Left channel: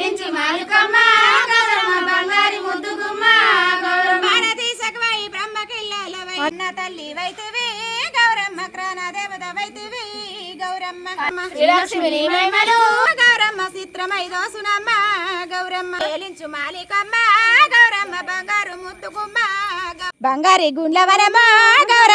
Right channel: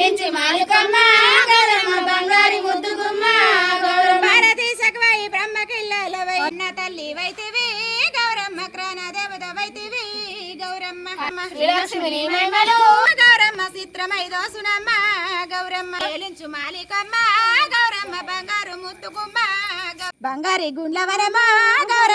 ఏలించి మాలికమ్మ గౌరమ్మ బంగారి ముద్దుగుమ్మ గౌరమ్మ భారతీ సకవై బ్రహ్మకిల్లలవై ఉన్న తల్లి వైతివి గౌరమ్మ క్రాన దేవత వైతివి గౌరమ్మ శ్రీలక్ష్మి మహిమలు గౌరమ్మ చిత్రమై దోసునమ్మ గౌరమ్మ ఏలించు మాలికమ్మ గౌరమ్మ బంగారు ముద్దుగుమ్మ బంగారి గుండ్ల వరమ్మ గౌరమ్మ